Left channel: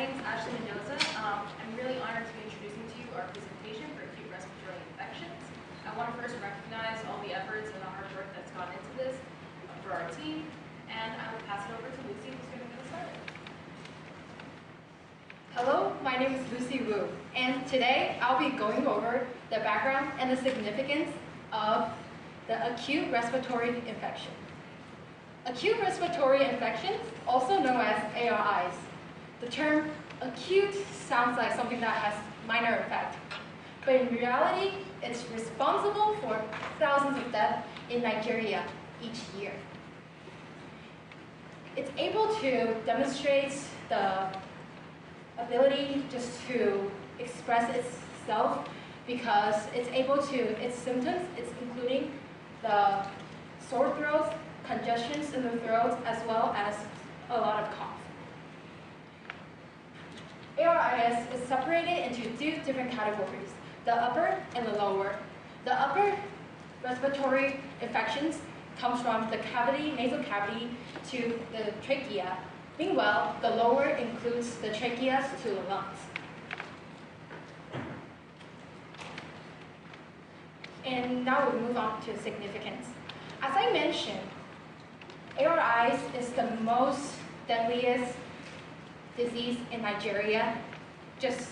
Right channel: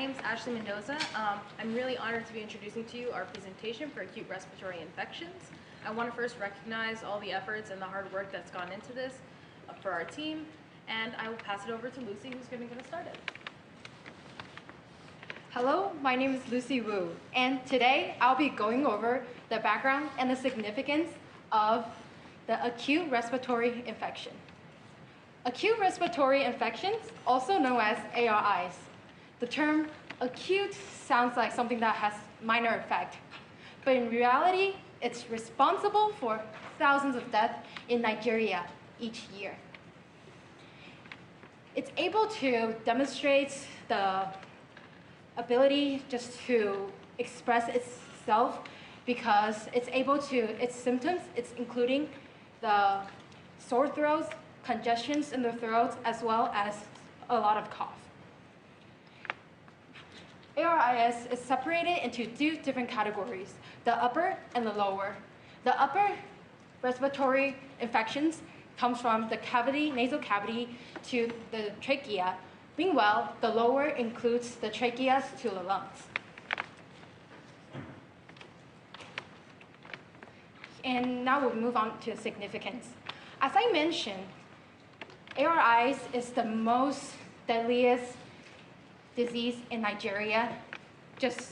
name is Ashley Mendoza. I'm really honored to be introducing to you our presentation for acute respiratory infections. I want to first recognize all the efforts and the hard work that's gone into this for our team, and I will pass it over to Lucy, who's going to get us started. Hello, my name is Lucy Wu, and today I'll be going over the background and the significance of the acute respiratory infection. Acute respiratory infections, also known as ARIs. The term acute sounds like something that has minor effect, but in reality, it's responsible for thousands of deaths in Nigeria each year. It's able to demonstrate the ability just to express itself because it's able to, its symptoms, it's including the sore throats, congestions in the throat, as well as a lot of cough. ARIS is separated into two different categories, the upper and the lower. The upper respiratory infections comes from the cavity, nasal cavity to the trachea. Meanwhile, the lower includes the tracheas to the lungs. And now we'll move on to significance. As I mentioned, ARIs is the most deadliest disease in Nigeria, just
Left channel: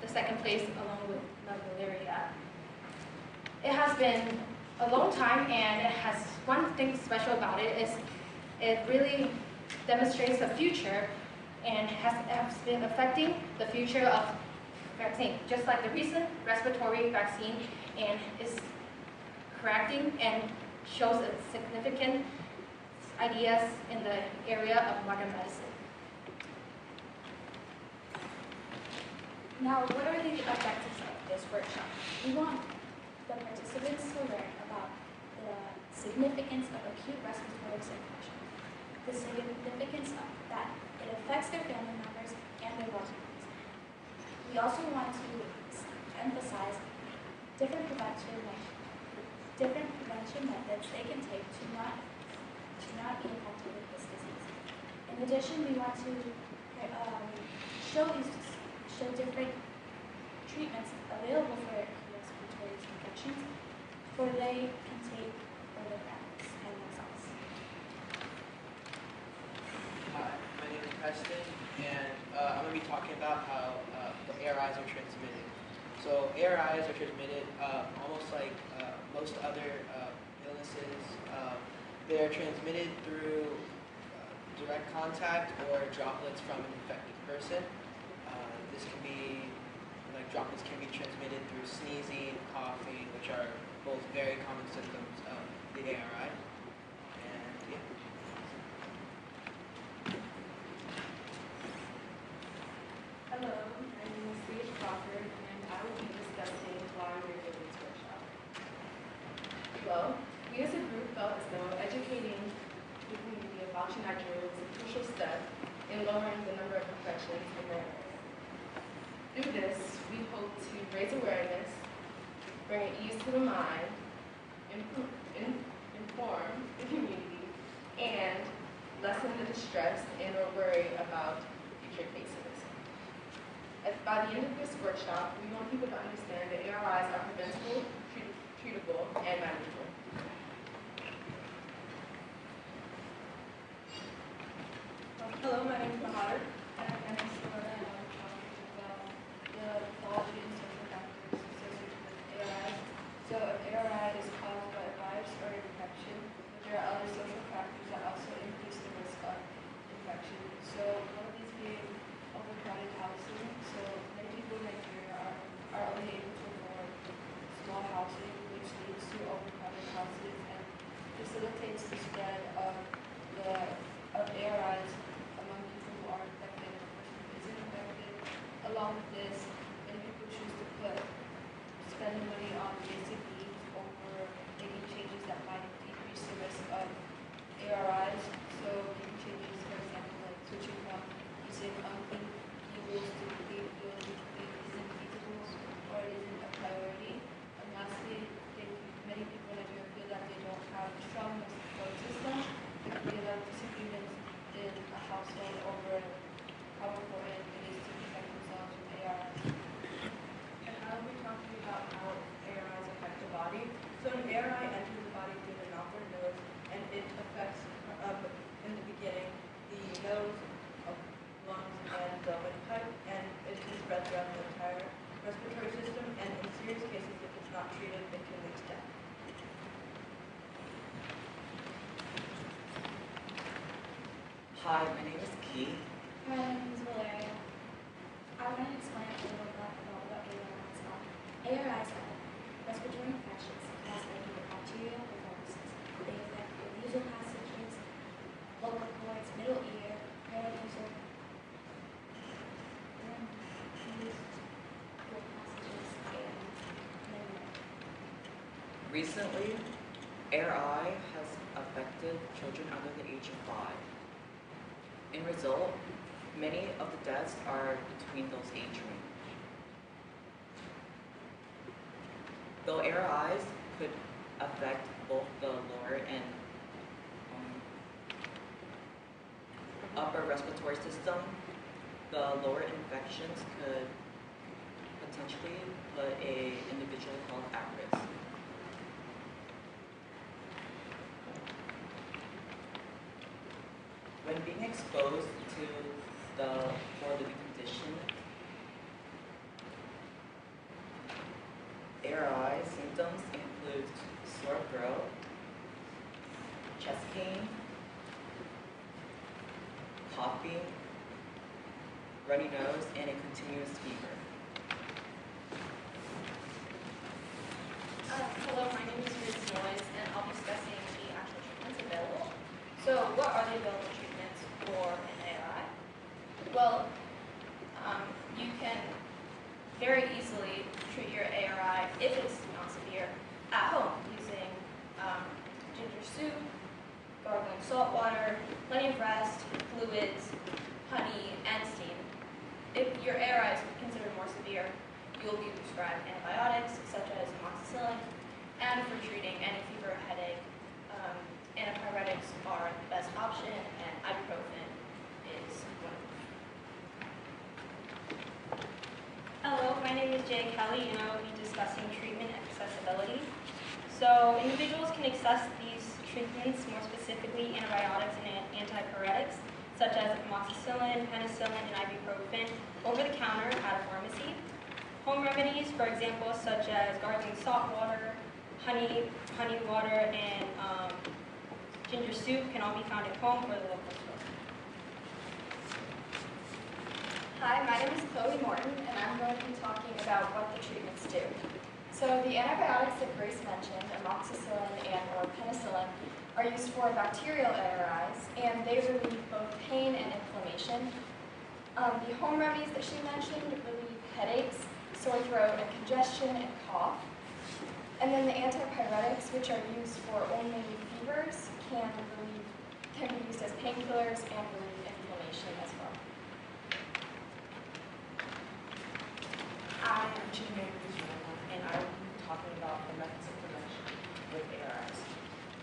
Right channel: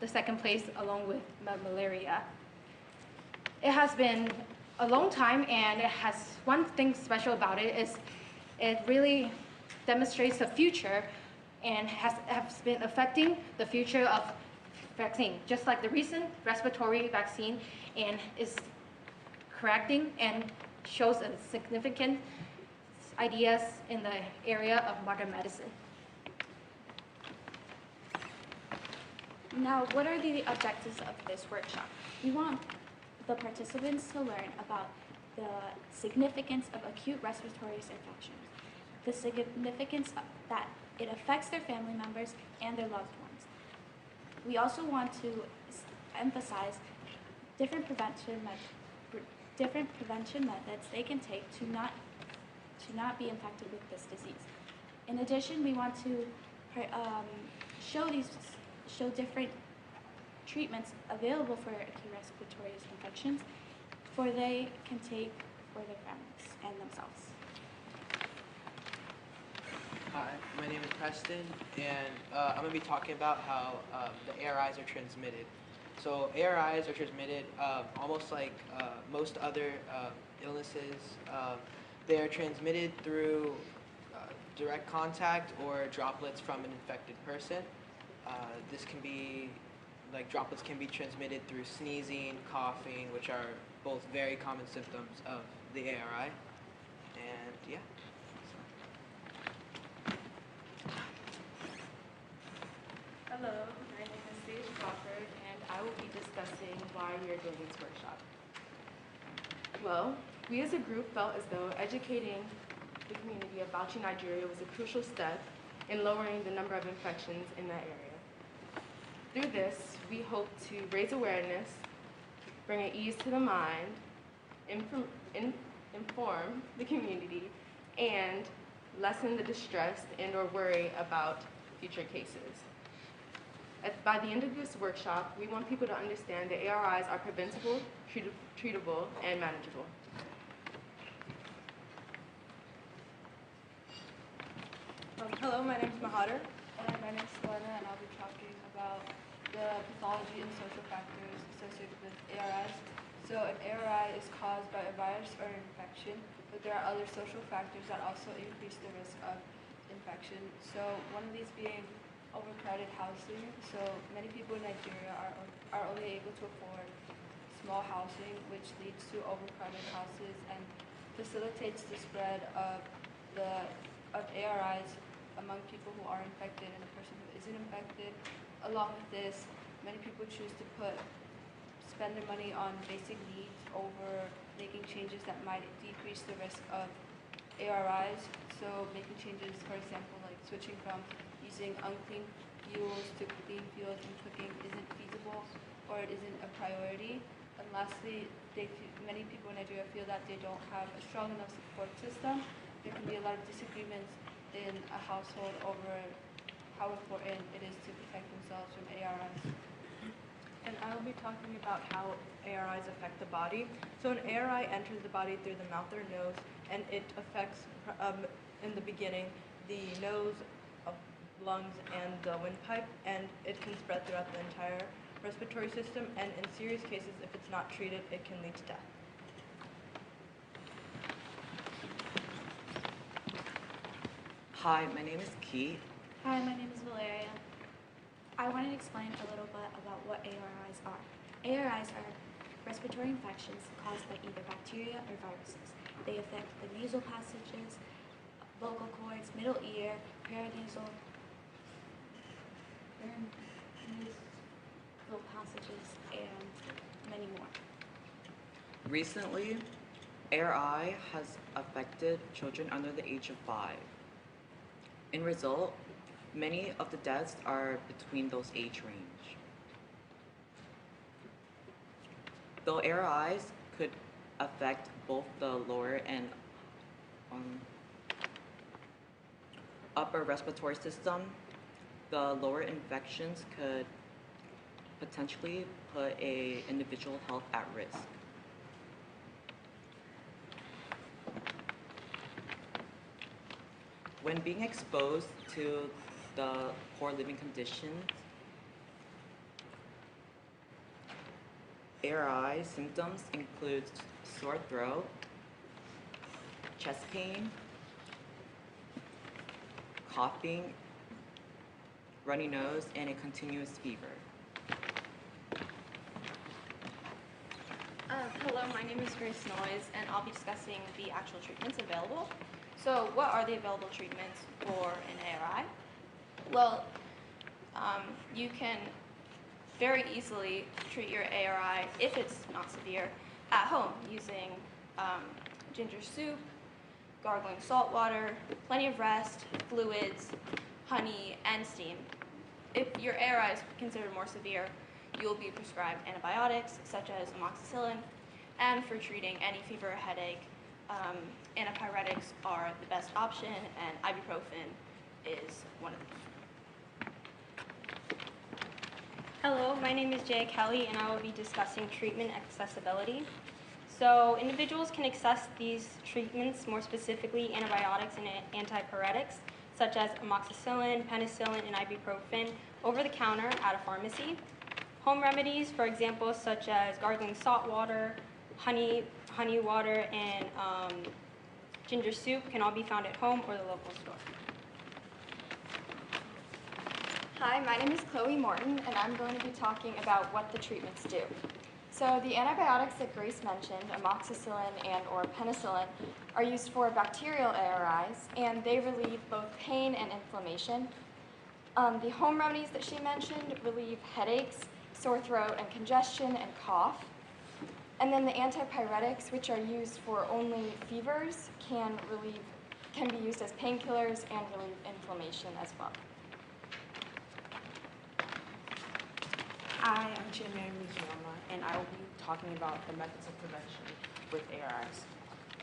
the second place along with malaria. It has been a long time, and it has one thing special about it is it really demonstrates the future and has been affecting the future of vaccine, just like the recent respiratory vaccine, and is correcting and shows a significant ideas in the area of modern medicine. Now, what are the objectives of this workshop? We want the participants to learn about the significance of acute respiratory infections, the significance of that it affects their family members and their loved ones. We also want to emphasize different prevention methods they can take to not be infected with this disease. In addition, we want to show different treatments available for acute respiratory infections for they can take for their families and themselves. Hi, my name is Preston, and I'm going to be talking about how the ARIs are transmitted. So ARIs are transmitted almost like most other illnesses. They're transmitted through direct contact or droplets from an infected person. This can be, droplets can be transmitted through sneezing, coughing, which are both very common symptoms of the ARI. And yeah. Hello, my name is Paige Crawford, and I will be discussing why we're doing this workshop. Well, we as a group felt as though educating the community about Nigeria was a crucial step in lowering the number of infections in that area. Through this, we hope to raise awareness, bring ease to the mind, inform the community, and lessen the distress and or worry about future cases. By the end of this workshop, we want people to understand that ARIs are preventable, treatable, and manageable. Hello, my name is Mahader. And my name is Laura, and I'll be talking about the pathology and social factors associated with ARIs. So if ARI is caused by a virus or infection, but there are other social factors that also increase the risk of infection. So one of these being overcrowded housing. So many people in Nigeria are only able to afford small housing, which leads to overcrowded houses and facilitates the spread of ARIs among people who are infected and a person who isn't infected. Along with this, many people choose to spend the money on basic needs over making changes that might decrease the risk of ARIs. So making changes, for example, like switching from using unclean fuels to clean fuels, which isn't feasible or it isn't a priority. And lastly, many people in Nigeria feel that they don't have a strong enough support system, and they have disagreements in a household over how important it is body through the mouth or nose, and it affects, in the beginning, the nose, lungs, and the windpipe, and it can spread throughout the entire respiratory system, and in serious cases, if it's not treated, it can lead to death. Hi, my name is Keith. Hi, my name is Valeria. I want to explain a little bit about what ARIs are. ARIs are respiratory infections caused by either bacteria or viruses. They affect the nasal passages, vocal cords, middle ear, paranasal, nasal passages, and many more. Recently, ARI has affected children under the age of 5. In result, many of the deaths are between those age range. Though ARIs could affect both the lower and upper respiratory system, the lower infections could potentially put an individual health at risk. When being exposed to the poor living condition, ARI symptoms include sore throat, chest pain, coughing, runny nose, and a continuous fever. Hello, my name is Grace Noyes, and I'll be discussing the actual treatments available. So what are the available treatments for an ARI? Well, you can very easily treat your ARI, if it's not severe, at home using ginger soup, gargling salt water, plenty of rest, fluids, honey, and steam. If your ARI is considered more severe, you will be prescribed antibiotics such as amoxicillin, and for treating any fever or headache, antipyretics are the best option, and ibuprofen is one of them. Hello, my name is Jay Kelly, and I will be discussing treatment accessibility. So individuals can access these treatments, more specifically antibiotics and antipyretics, such as amoxicillin, penicillin, and ibuprofen, over the counter at a pharmacy. Home remedies, for example, such as gargling salt water, honey water, and ginger soup can all be found at home or the local store. Hi, my name is Chloe Morton, and I'm going to be talking about what the treatments do. So the antibiotics that Grace mentioned, amoxicillin and or penicillin, are used for bacterial ARIs, and they relieve both pain and inflammation. The home remedies that she mentioned relieve headaches, sore throat, and congestion and cough. And then the antipyretics, which are used for only fevers, can be used as painkillers and relieve inflammation as well. I am Chimere Luciana, and I will be talking about the methods of prevention with ARIs.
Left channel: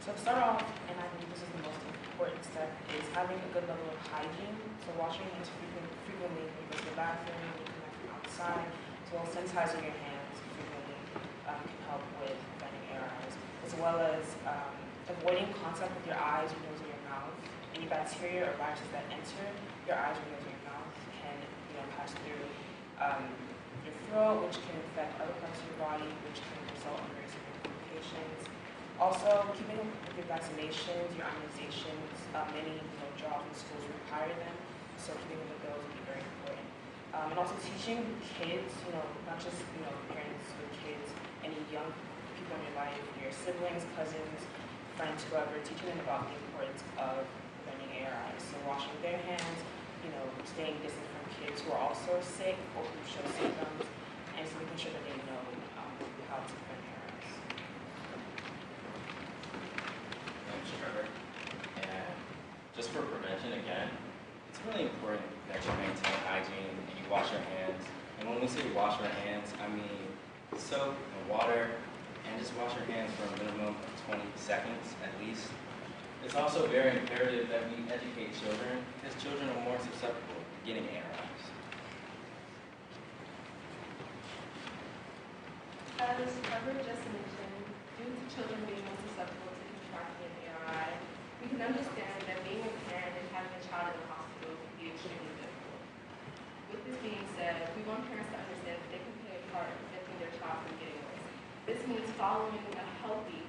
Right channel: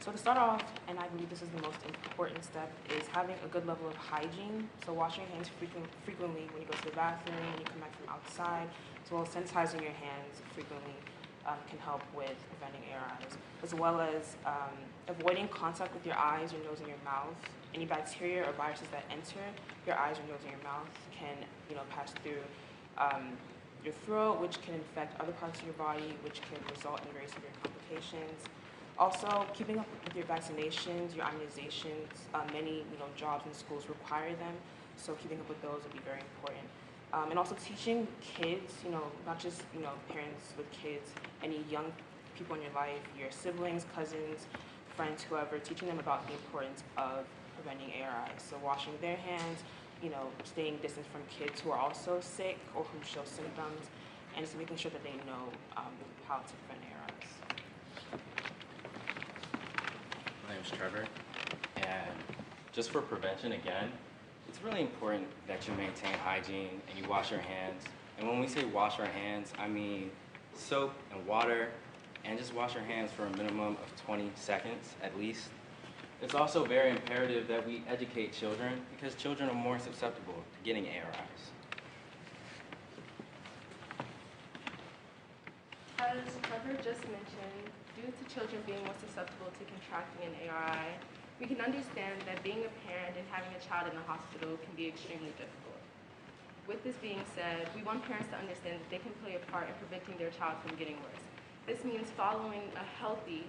So to start off, and I believe this is the most important step, is having a good level of hygiene. So washing your hands frequently when you go to the bathroom, when you come back from outside, as well as sanitizing your hands frequently can help with preventing ARIs, as well as avoiding contact with your eyes, your nose, and your mouth. Any bacteria or viruses that enter your eyes, your nose, and your mouth can pass through your throat, which can infect other parts of your body, which can result in very severe complications. Also, keeping up with your vaccinations, your immunizations. Many jobs and schools require them, so keeping up with those will be very important. And also teaching kids, not just parents with kids, any young people in your life, your siblings, cousins, friends, whoever, teaching them about the importance of preventing ARIs. So washing their hands, staying distant from kids who are also sick or who show symptoms, and just making sure that they know how to prevent ARIs. My name's Trevor, and just for prevention again, it's really important that you maintain hygiene and you wash your hands. And when we say wash our hands, I mean soap and water, and just wash your hands for a minimum of 20 seconds at least. It's also very imperative that we educate children because children are more susceptible to getting ARIs. As Trevor just mentioned, due to children being more susceptible to contracting an ARI, we can understand that being a parent and having a child in a hospital can be extremely difficult. With this being said, we want parents to understand that they can play a part in preventing their child from getting worse. This means following a healthy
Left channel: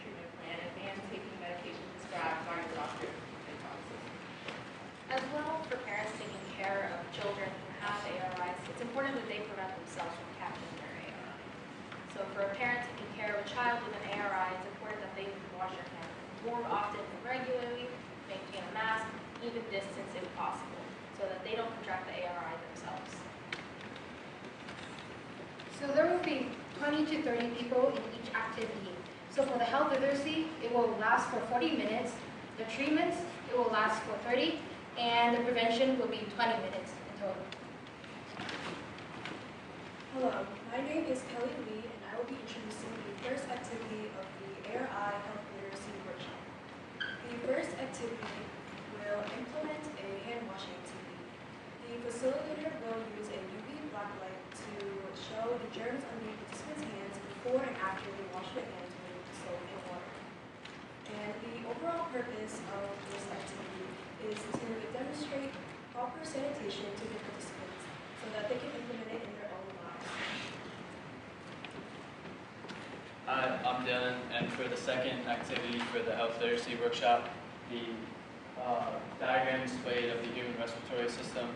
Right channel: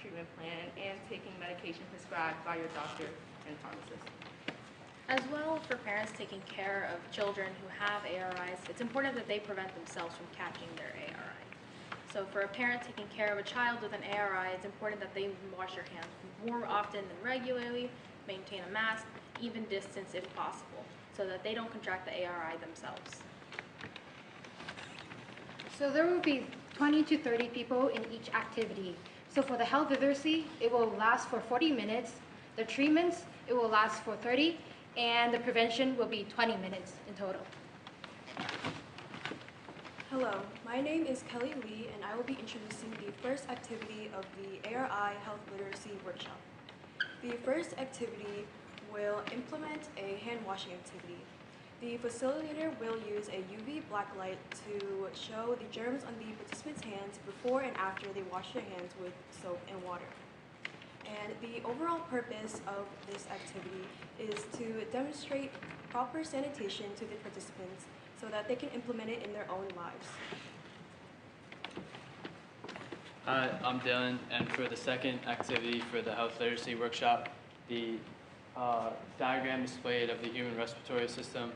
treatment plan and taking medication prescribed by your doctor and pharmacist. As well, for parents taking care of children who have ARIs, it's important that they prevent themselves from catching their ARI. So for a parent taking care of a child with an ARI, it's important that they wash their hands more often and regularly, maintain a mask, even distance if possible, so that they don't contract the ARI themselves. So there will be 20 to 30 people in each activity. So for the health literacy, it will last for 40 minutes. The treatments, it will last for 30, and the prevention will be 20 minutes in total. Hello, my name is Kelly Lee, and I will be introducing the first activity of the ARI Health Literacy Workshop. The first activity will implement a hand washing activity. The facilitator will use a UV black light to show the germs on the participants' hands before and after they wash their hands with soap and water. And the overall purpose of this activity is to demonstrate proper sanitation to the participants so that they can implement it in their own lives. Hi, I'm Dylan, and for the second activity for the health literacy workshop, the diagram displayed of the human respiratory system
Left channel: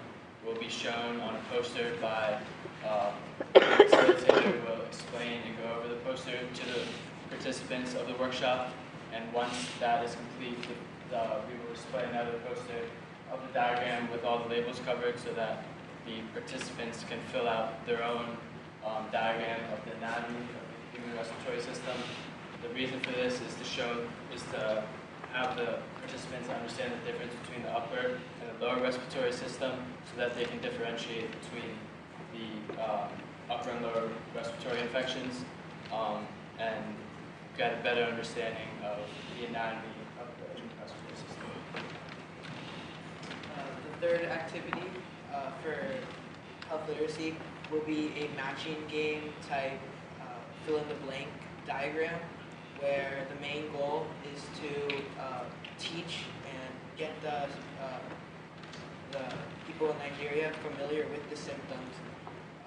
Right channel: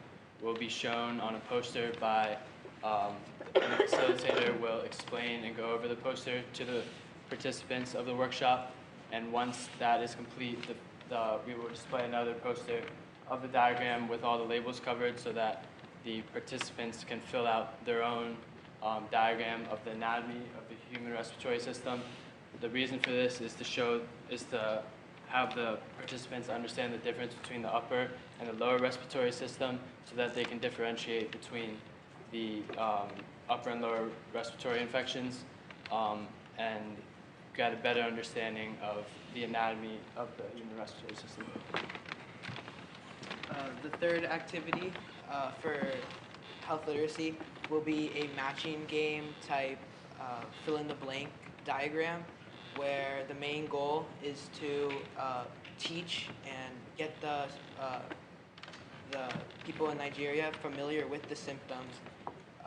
will be shown on a poster by the facilitator will explain and go over the poster to the participants of the workshop, and once that is complete, we will display another poster of the diagram with all the labels covered so that the participants can fill out their own diagram of the anatomy of the human respiratory system. The reason for this is to have the participants understand the difference between the upper and the lower respiratory system so that they can differentiate between the upper and lower respiratory infections and get a better understanding of the anatomy of the human respiratory system. The third activity for health literacy will be a matching game type fill-in-the-blank diagram where the main goal is to teach and get the people in Nigeria familiar with the symptoms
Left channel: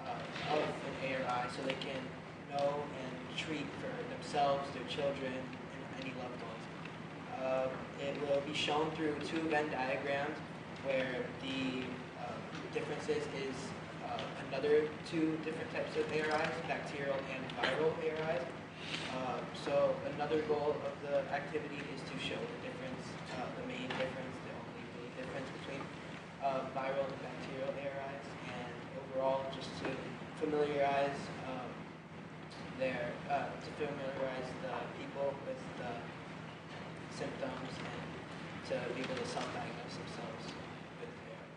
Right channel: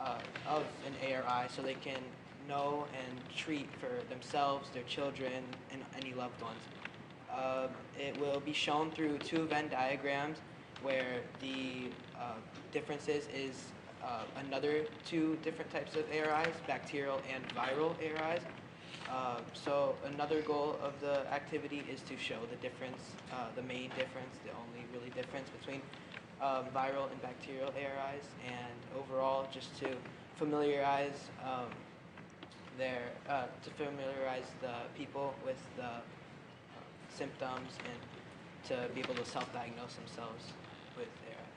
of an ARI so they can know and treat for themselves, their children, and any loved ones. It will be shown through two Venn diagrams where the differences is another two different types of ARIs, bacterial and viral ARIs. So another goal of the activity is to show the difference, the main difference, the only really difference between viral and bacterial ARIs, and overall just to familiarize the people with the symptoms and to be able to self-diagnose themselves with ARI.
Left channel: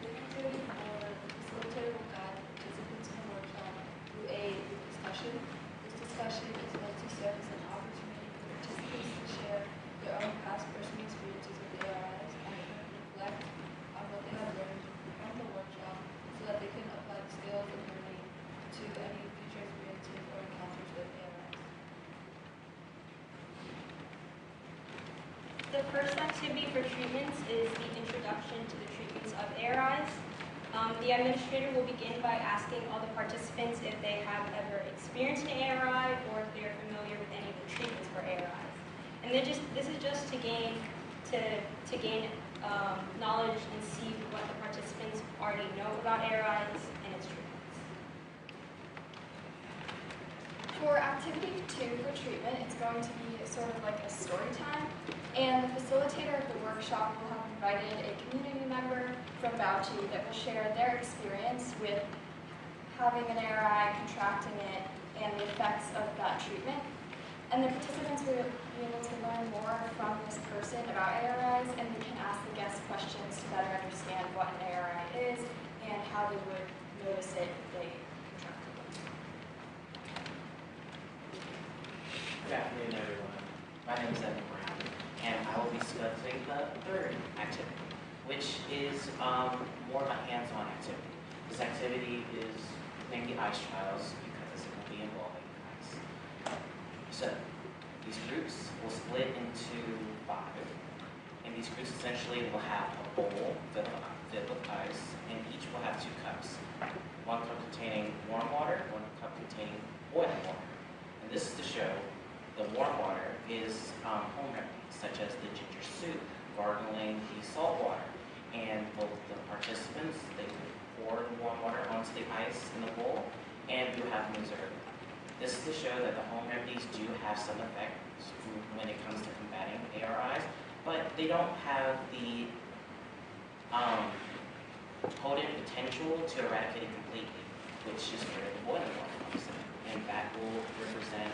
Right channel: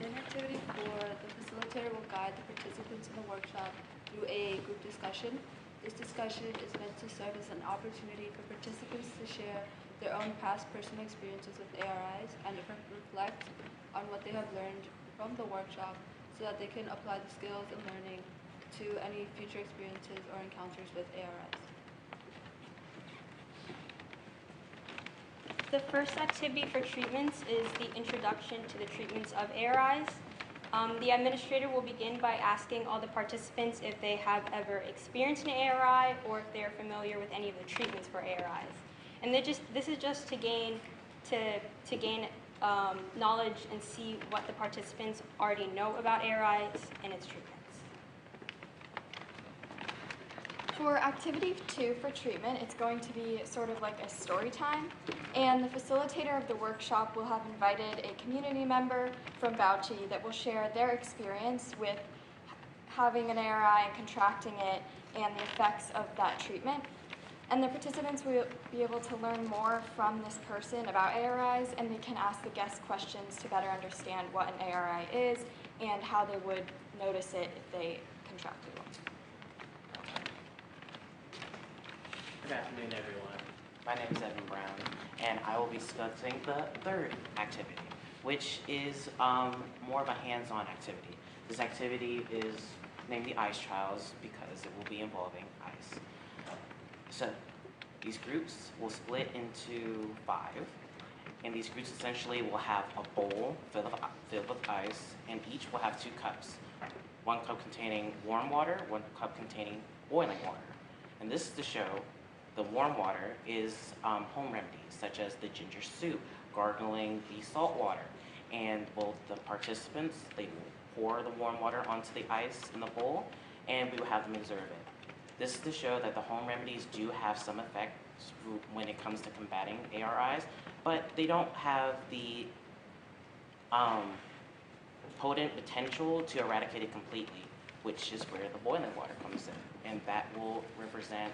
The activity for the facilitator will guide the participants in the workshop through a group discussion. This discussion is meant to serve as an opportunity for participants to share their own past personal experiences with ARIs and reflect on what they have learned from the workshop so that they can apply the skills and learning to any future experiences or encounters with ARIs. The first activity for treatments is the introduction to the treatments of ARIs. The administrator will begin by asking all the participants if they have ever experienced an ARI or if they are familiar with any of the treatments for ARIs. And this is just to gain knowledge and see what the participants already know about ARIs and its treatments. For activity 2 for treatment, it's going to be sort of like a story time, and the facilitator of the workshop will have invited a community member from Bauchi that will share their experience with having an ARI, contracting it, and the effects of that treatment. And the participants will be able to learn more from this person about ARIs, and they can ask the guests questions to better understand what an ARI is and how they would notice it if they contracted one. Good afternoon, everyone. My name is Evan Brown, and I will be discussing the third activity, which is more of a hands-on activity. This activity is named the ICE trials because it will be involving ICE. So these groups will split into 5, and these groups essentially will have a bowl filled with ice, and each will have 2 cups. 1 cup containing warm water, 1 cup containing boiling water. And this is to show the warm water is home remedies, such as the ginger soup, gargling the salt water, and both the participants, they will pour the warm water onto the ice in the bowl, and we will have them observe it. This is to show that the home remedies do have some effect when it comes to combating ARIs, but they don't have the potent potential to eradicate it completely, which is where the boiling water comes in. And that will represent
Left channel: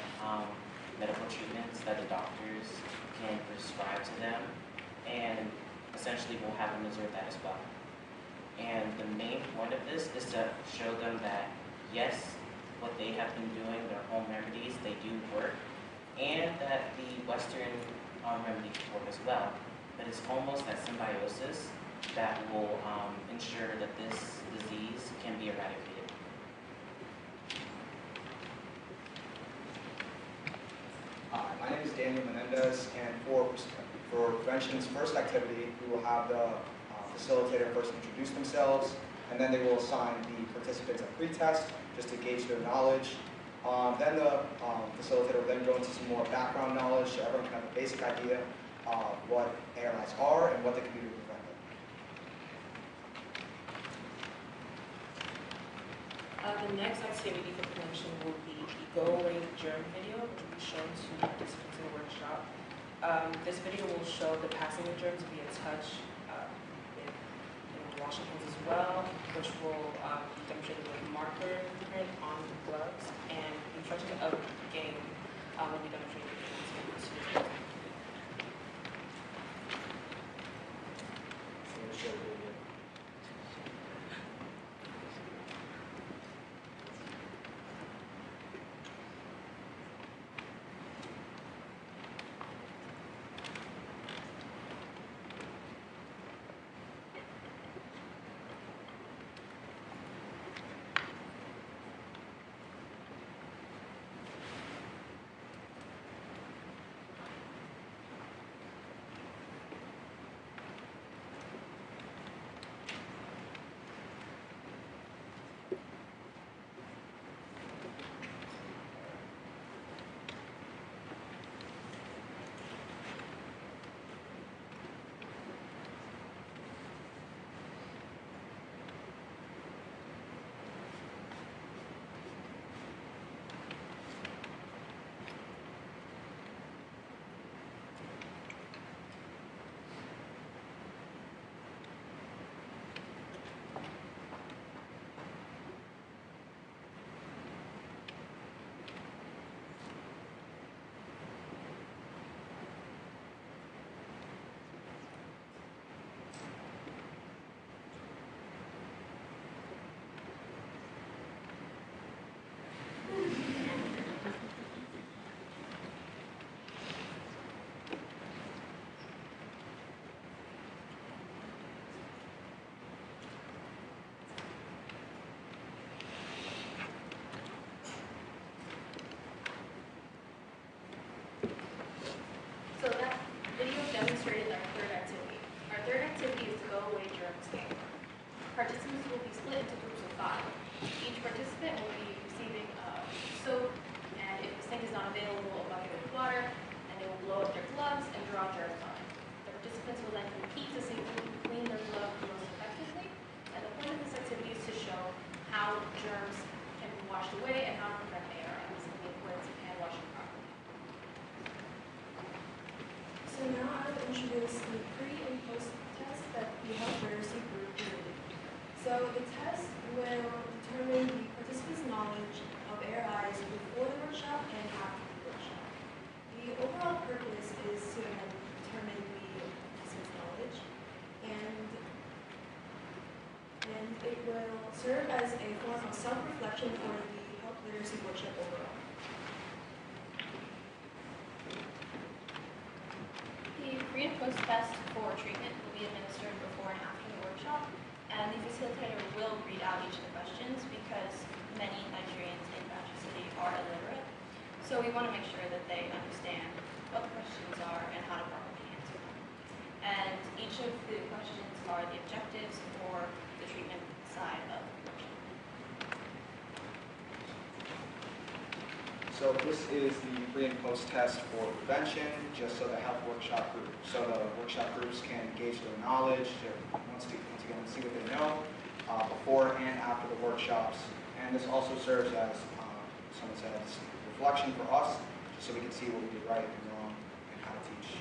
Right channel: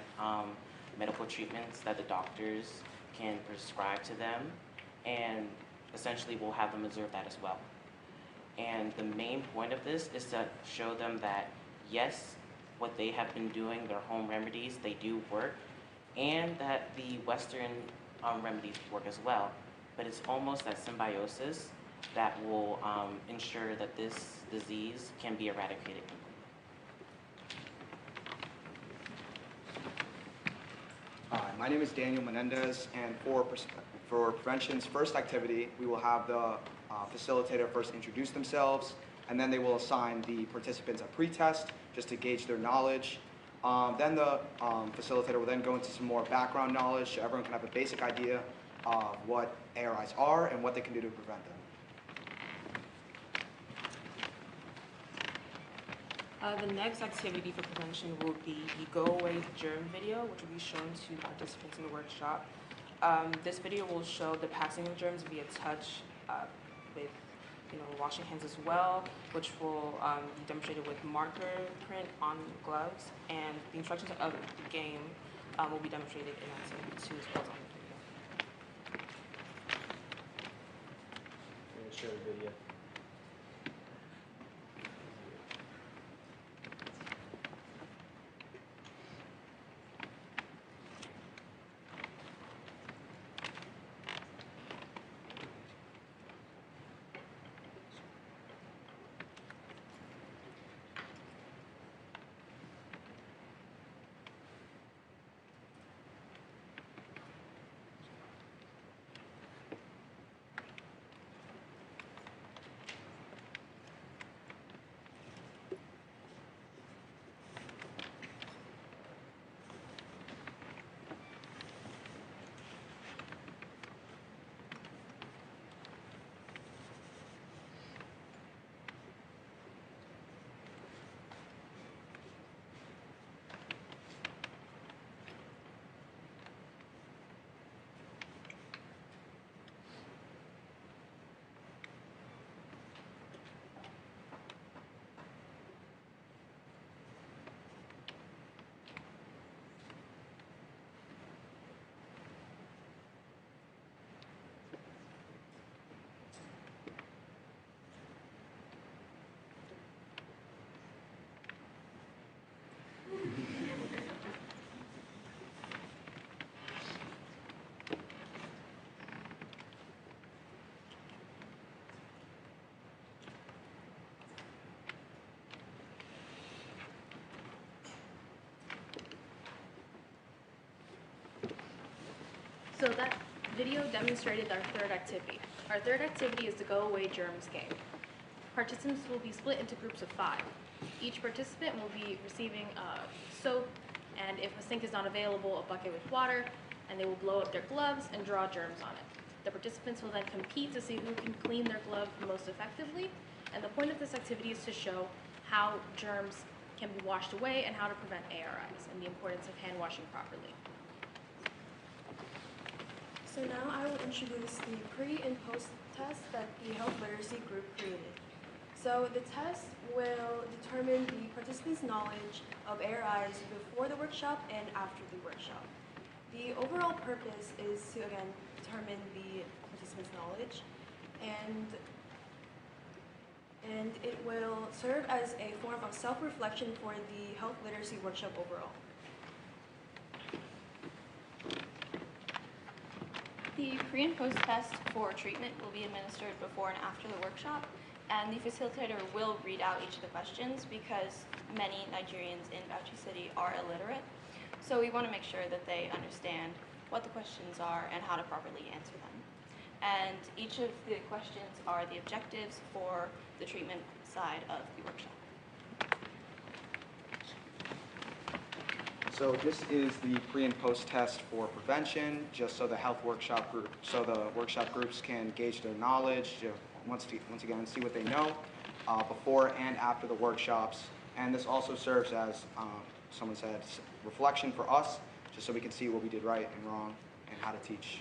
medical treatments that the doctors can prescribe to them, and essentially we'll have them observe that as well. And the main point of this is to show them that yes, what they have been doing, their home remedies, they do work, and that the Western remedies work as well. But it's almost that symbiosis that will ensure that this disease can be eradicated. Hi, my name is Daniel Menendez, and for prevention's first activity, we will have the facilitator first introduce themselves, and then they will assign the participants a pre-test just to gauge their knowledge. Then the facilitator will then go into some more background knowledge so everyone can have a basic idea of what ARIs are and what they can do to prevent them. The next activity for prevention will be the Go Away Germ video, which will be shown to participants in the workshop. This video will show the passing of germs via touch with washing hands as well, which will be demonstrated with marker print on gloves, and the instructions of the game will be demonstrated in activity 2 as well. Show the video. So that video demonstrated our third activity. Our third activity is the Go Away Germs game. Participants will be split into groups of 5. Each participant will be receiving soap, and if the sink is not available, a bucket with water, and they will blow up their gloves and draw germs on it. The participants will then compete to see who can clean their glove most effectively, and the point of this activity is to show how germs can be washed away and how to prevent ARIs and the importance of hand washing properly. So now I will introduce the pre and post test that the health literacy group created. So the test will determine the participants' knowledge of ARIs before the workshop and after the workshop. The overall purpose is to again determine the participants' knowledge, and it will serve as a form of self-reflection for the health literacy workshop overall. The pre and post test for treatment will be administered before and after the workshop. And the facilitator will read out each of the questions because many Nigerians in Bauchi City are illiterate. So we want to make sure that they understand what the questions are and how to properly answer them. And each of the questions are the objectives for the treatment side of the workshop. So this is the pre and post test for prevention, just so the workshop groups can gauge their knowledge, once again see what they know before and after the workshops. And this also serves as, someone said, reflection for us, just so we can see what we did right and wrong and how to teach.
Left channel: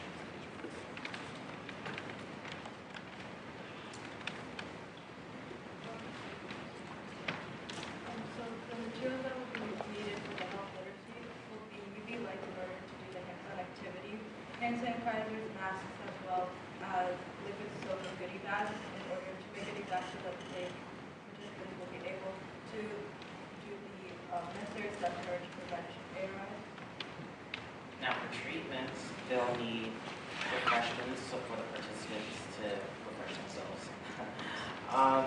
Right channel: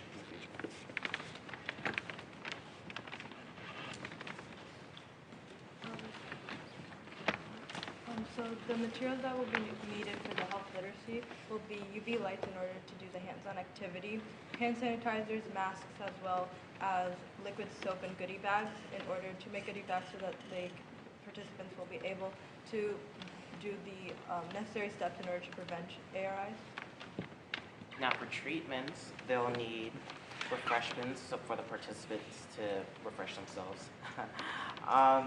So the materials that will be needed for the health literacy will be UV lights in order to do the hands-on activity, hand sanitizers, masks, as well as liquid soap and goodie bags in order to make goodie bags so that the participants will be able to do the necessary steps in order to prevent ARIs. Now for treatments, they'll need refreshments so for the participants to refresh themselves.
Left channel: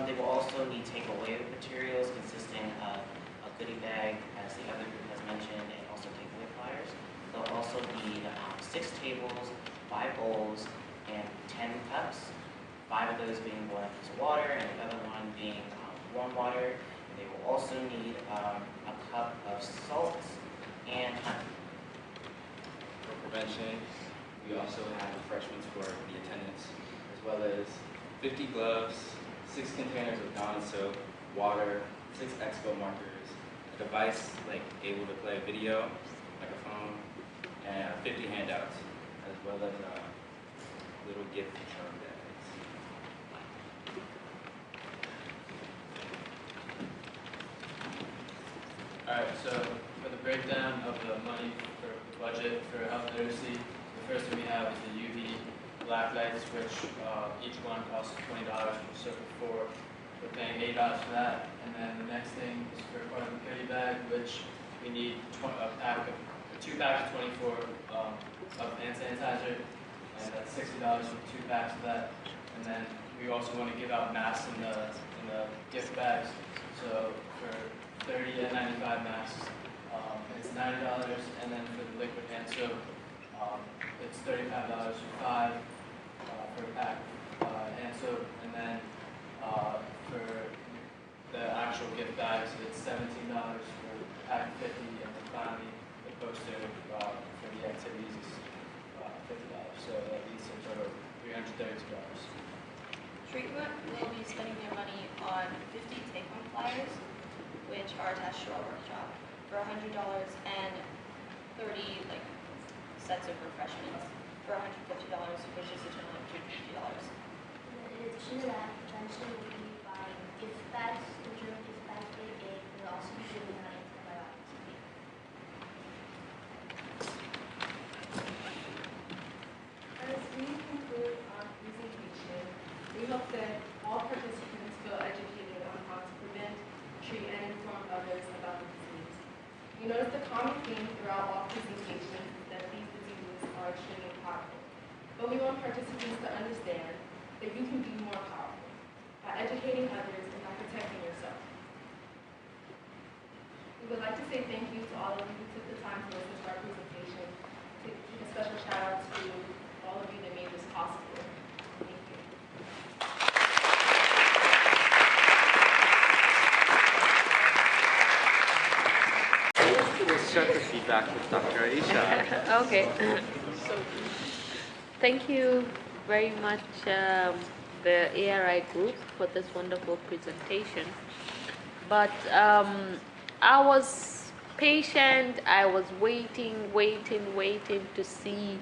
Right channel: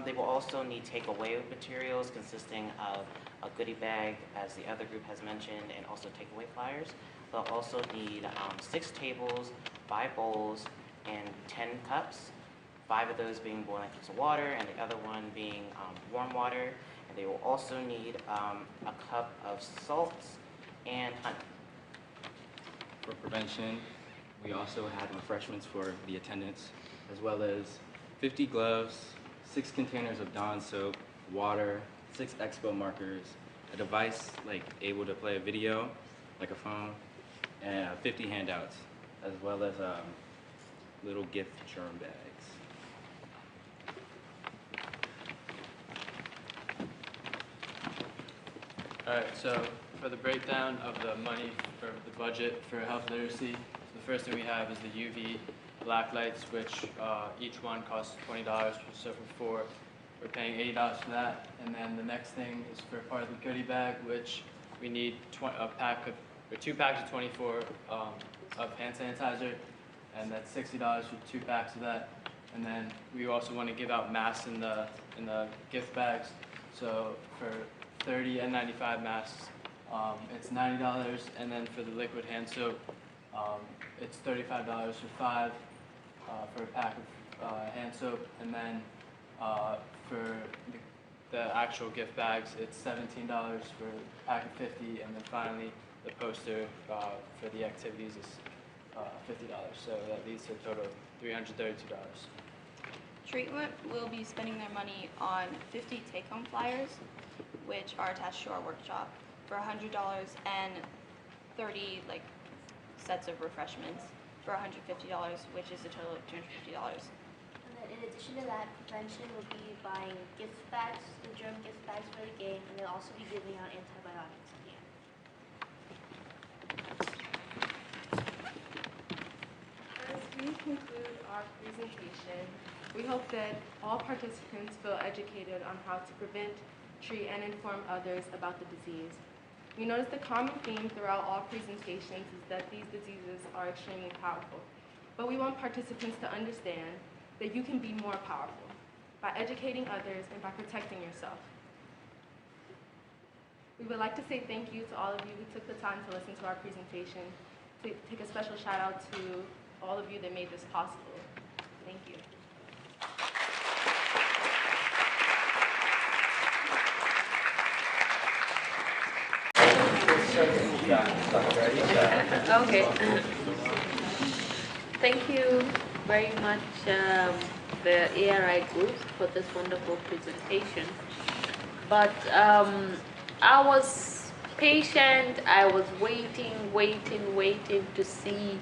They will also need takeaway materials consisting of a goodie bag, as the other group has mentioned, and also takeaway flyers. They'll also need 6 tables, 5 bowls, and 10 cups, 5 of those being boiling into water, and the other one being warm water. And they will also need a cup of salt and honey. For prevention, we also have refreshments for the attendants, as well as 50 gloves, 6 containers of Dawn soap, water, 6 expo markers, a device like able to play a video, like a phone, and 50 handouts, as well as little gift charm bags. Alright, so for the breakdown of the money for the budget for health literacy, the first thing we have is the UV black lights, which each one costs $20. So for 4, we're paying $8 for that. And then the next thing is for part of the goodie bag, which we need 2 packs of 24 of hand sanitizer, and that's $60 for 2 packs of that. And then we also want to give out masks in the gift bags. So for 30 and 95 masks, it's $90, and then for the liquid hand soap, it's $35 for 5 for a pack of hand soap, and then for the actual gift bags, it's $17 for a pack of 50, and then finally the poster for the activities is $50. So that leads to a total of $332. Treatment will be spending their money on 50 take-home flyers, which are attached to our workshop, for $100, and 30 sets of refreshments for $150, which is a total of $250. In addition to that, prevention will be buying gift bags, the germ gift bags for the game, and they'll also be giving out antibiotics. As we conclude our presentation, we hope that all participants feel educated on how to prevent, treat, and inform others about the disease. We notice the common theme throughout all presentations is that these diseases are extremely powerful. But we want participants to understand that you can be more powerful by educating others and by protecting yourself. We would like to say thank you to all of you who took the time to listen to our presentation. Take a special shout out to all of you that made this possible. Thank you. Okay. Thank you very much, the ARI group, for this wonderful presentation. But I was patient. I was waiting to see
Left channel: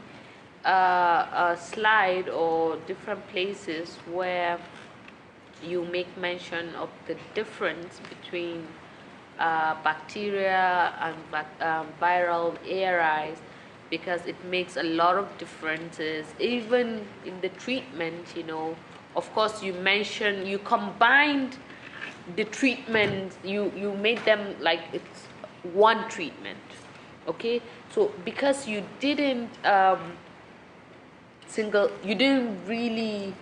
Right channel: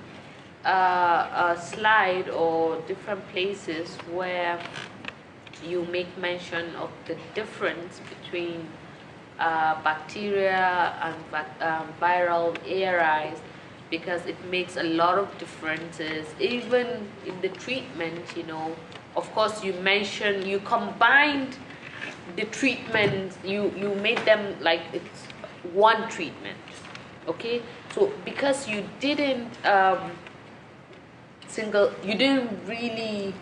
a slide or different places where you make mention of the difference between bacteria and viral ARIs, because it makes a lot of differences even in the treatment. Of course, you combined the treatment, you made them like it's one treatment, okay? So because you didn't really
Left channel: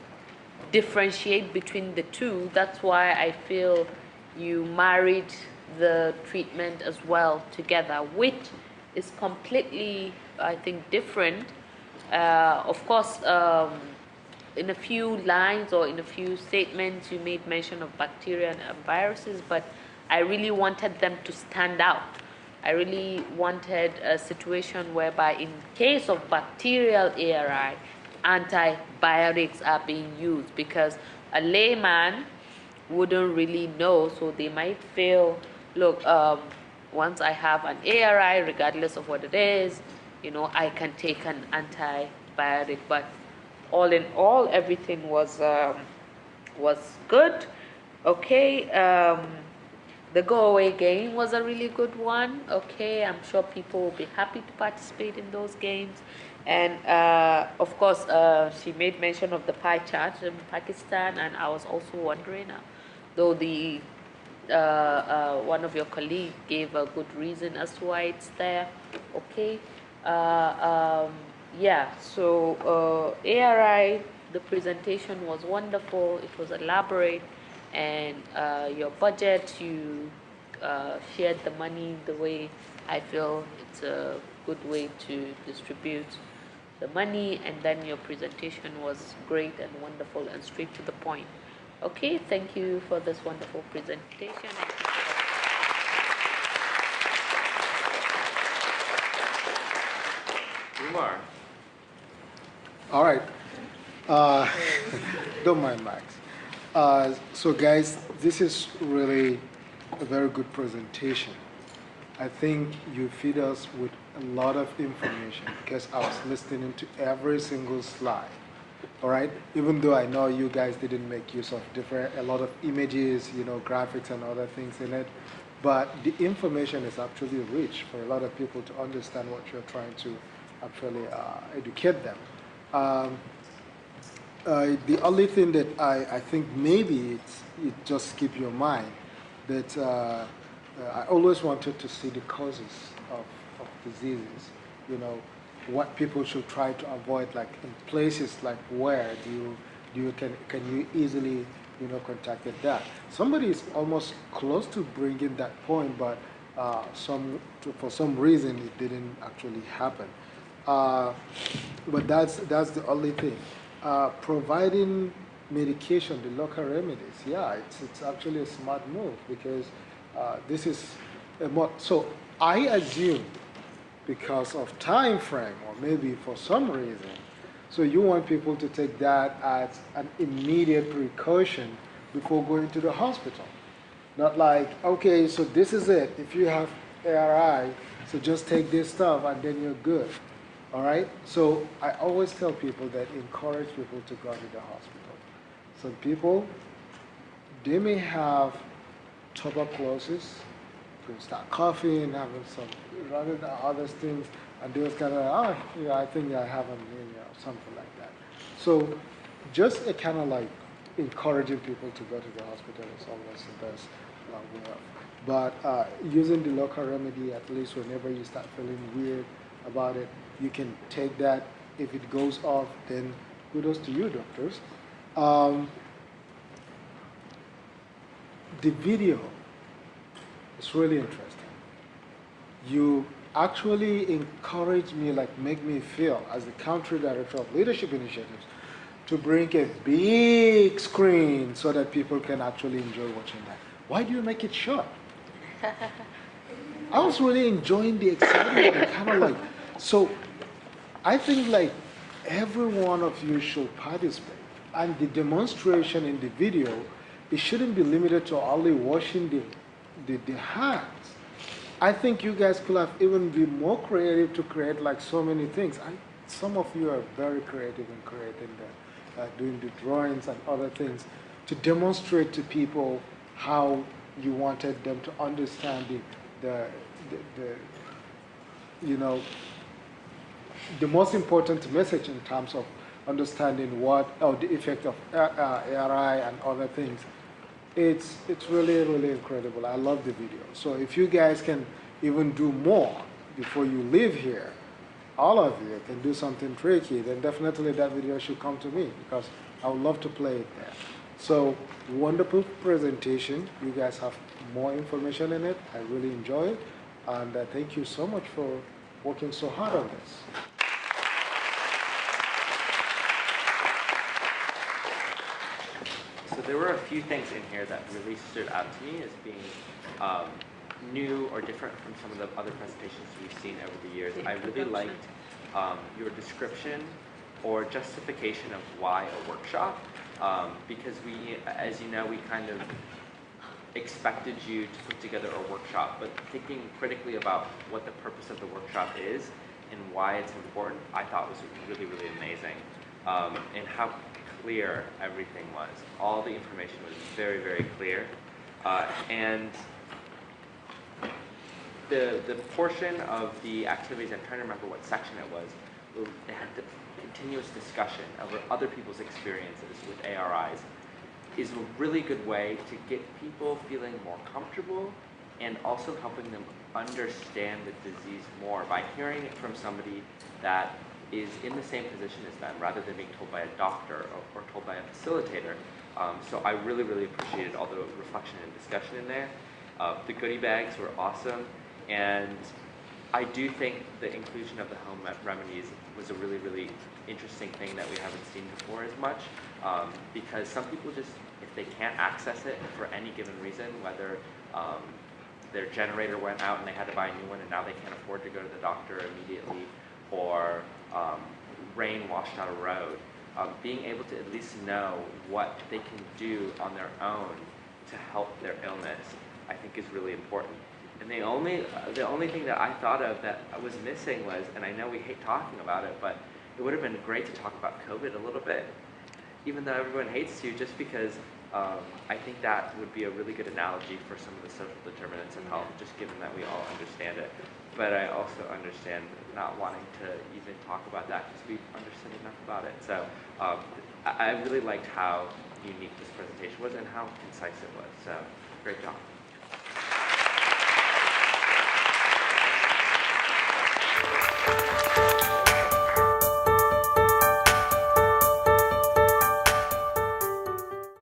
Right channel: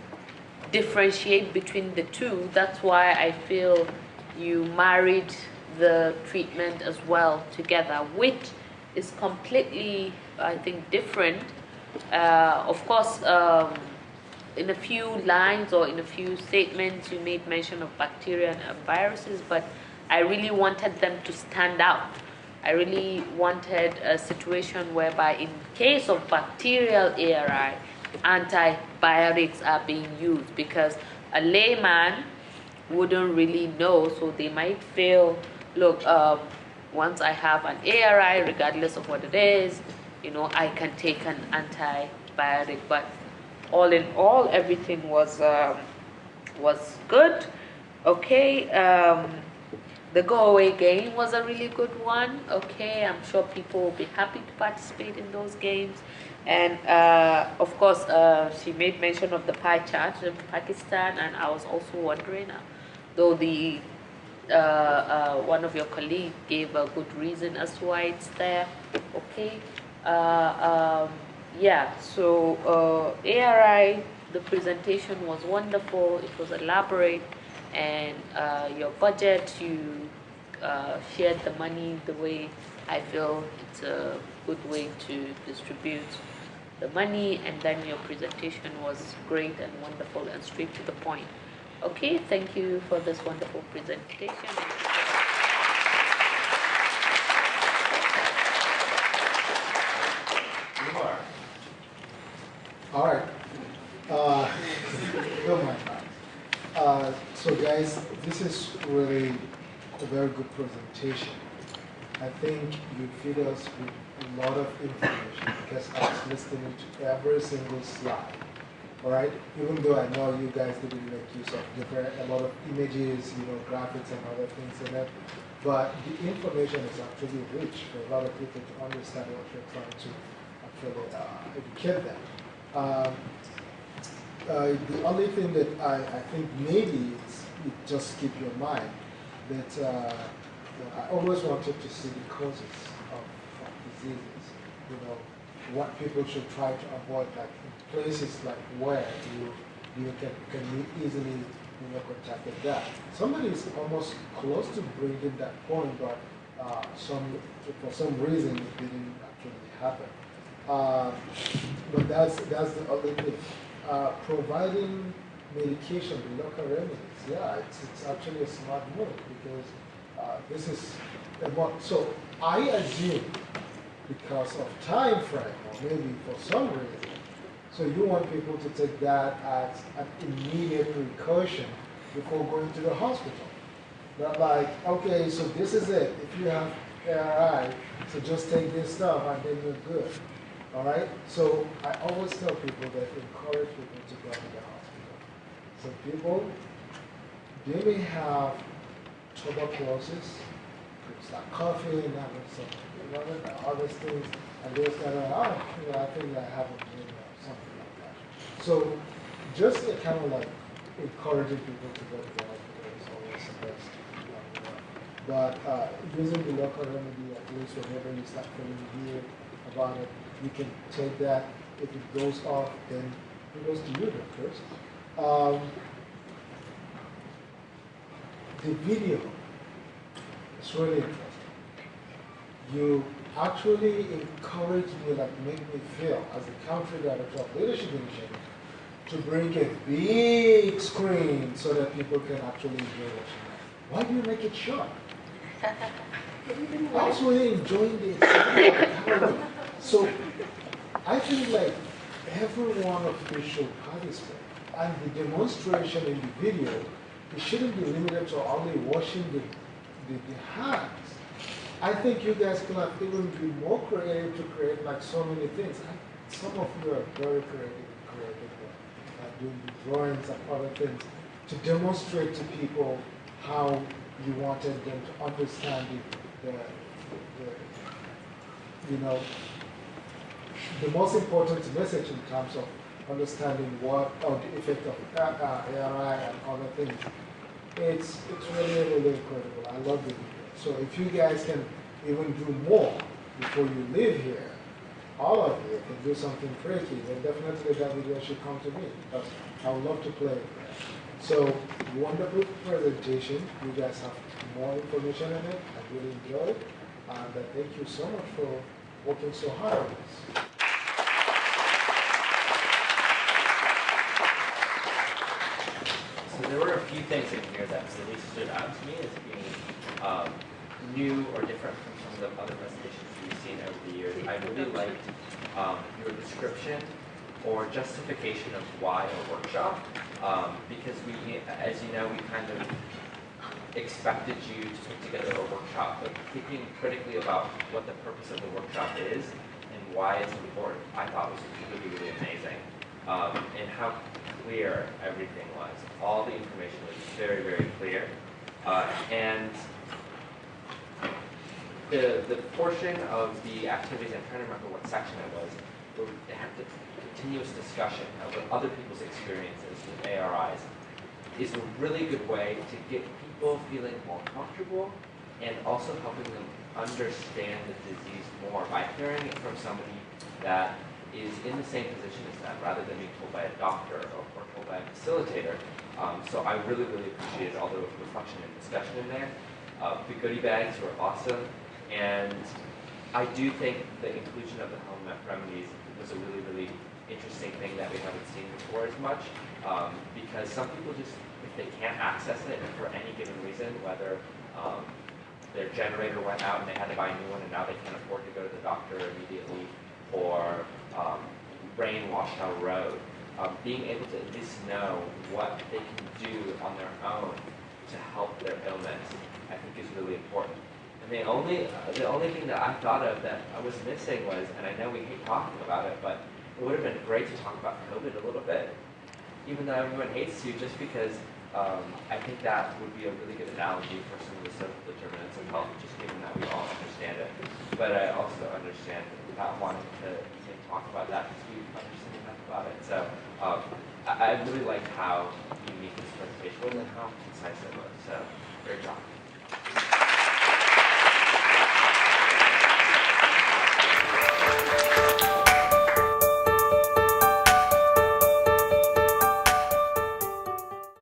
differentiate between the two. That's why I feel you married the treatment as well together, which is completely, I think, different. Of course, in a few lines or in a few statements, you made mention of bacteria and viruses, but I really wanted them to stand out. I really wanted a situation whereby in case of bacterial ARI, antibiotics are being used, because a layman wouldn't really know, so they might feel, look, once I have an ARI, regardless of what it is, I can take an antibiotic. But all in all, everything was good. Okay. The go away game was a really good one. Okay, I'm sure people will be happy to participate in those games. And of course, she made mention of the pie chart in Pakistan, and I was also wondering, though the one of your colleagues gave a good reason as to why it's there. Okay, yeah. So ARI, the presentation was wonderful. It was elaborate. And your budget, you shared the money the way I feel it's a good way to distribute the money, and then your presentation was great and wonderful and straight to the point. Okay, thank you for this wonderful presentation. All right. Don't mind that. So guys, this is really a very good presentation. I think you feed us with a lot of information because I was listening to every single slide. All right, even though I know you guys didn't make use of a lot of images, graphics and other things in it, but the information is actually rich for a lot of people to understand what you're trying to actually educate them. The only thing that I think maybe it just keep your mind that I always wanted to see the causes of diseases, what people should try to avoid, like in places like where you can easily contact that. Somebody is almost close to bringing that point, but for some reason it didn't actually happen. But that's the only thing. Providing medication, the local remedies, yeah, it's actually a smart move because this is so I assume because of time frame or maybe for some reason, so you want people to take that as an immediate precaution before going to the hospital. Not like, okay, so this is it. If you have ARI, so just take this stuff and then you're good. All right? So I always tell people that encourage people to go to the hospital. So people, they may have tuberculosis, could start coughing, having some other things, and they're kind of, I think I have something like that. So just kind of like encouraging people to go to the hospital is always the best way. But using the local remedy, at least whenever you start feeling weird about it, you can take that. If it goes off, then kudos to you, doctors. The video is really interesting. You actually encourage me, like make me feel, as the country director of leadership initiatives, to bring a big screen so that people can actually enjoy watching it. Why do you make it short? I was really enjoying the excitement. So I think like every one of you should participate. And the demonstration in the video, it shouldn't be limited to only washing the hands. I think you guys could have even been more creative to create like so many things. Some of you are very creative and doing the drawings and other things to demonstrate to people how you wanted them to understand the most important message in terms of understanding the effect of ARI and other things. It's really, really incredible. I love the video. So if you guys can even do more before you leave here, all of you can do something tricky, then definitely that video should come to me because I would love to play it. So, wonderful presentation. You guys have more information in it. I really enjoyed it. And thank you so much for working so hard on this. So there were a few things in here that really stood out to me as being new or different from some of the other presentations we've seen over the years. I really liked your description or justification of why a workshop, because we, as you know, we kind of expected you to put together a workshop, but thinking critically about what the purpose of the workshop is and why it's important, I thought was really, really amazing. And how clear everything was. All the information was very, very clear. And the portion of the activities, I'm trying to remember what section it was, it had the continuous discussion of other people's experiences with ARIs is a really good way to get people feeling more comfortable and also helping them understand the disease more by hearing it from somebody that is in the same position as them rather than being told by a doctor or told by a facilitator. So I really, really appreciated all the reflection and discussion in there. The goodie bags were awesome, and I do think the inclusion of the home remedies was a really, really interesting thing that we haven't seen before as much, because some people just, if they can't access it for any given reason, whether their generator went out and they had to buy a new one and now they can't afford to go to the doctor immediately, or rain washed our road, being able to at least know what they can do on their own to help their illness, I think is really important. And the only thing that I thought of that I was missing was, and I know we hate talking about it, but it would have been great to talk about COVID a little bit, even though everyone hates to, just because I think that would be a really good analogy for some of the social determinants of health, just given that we all understand it. But I also understand not wanting to even talk about that because we understand enough about it. So I really liked how unique this presentation was and how concise it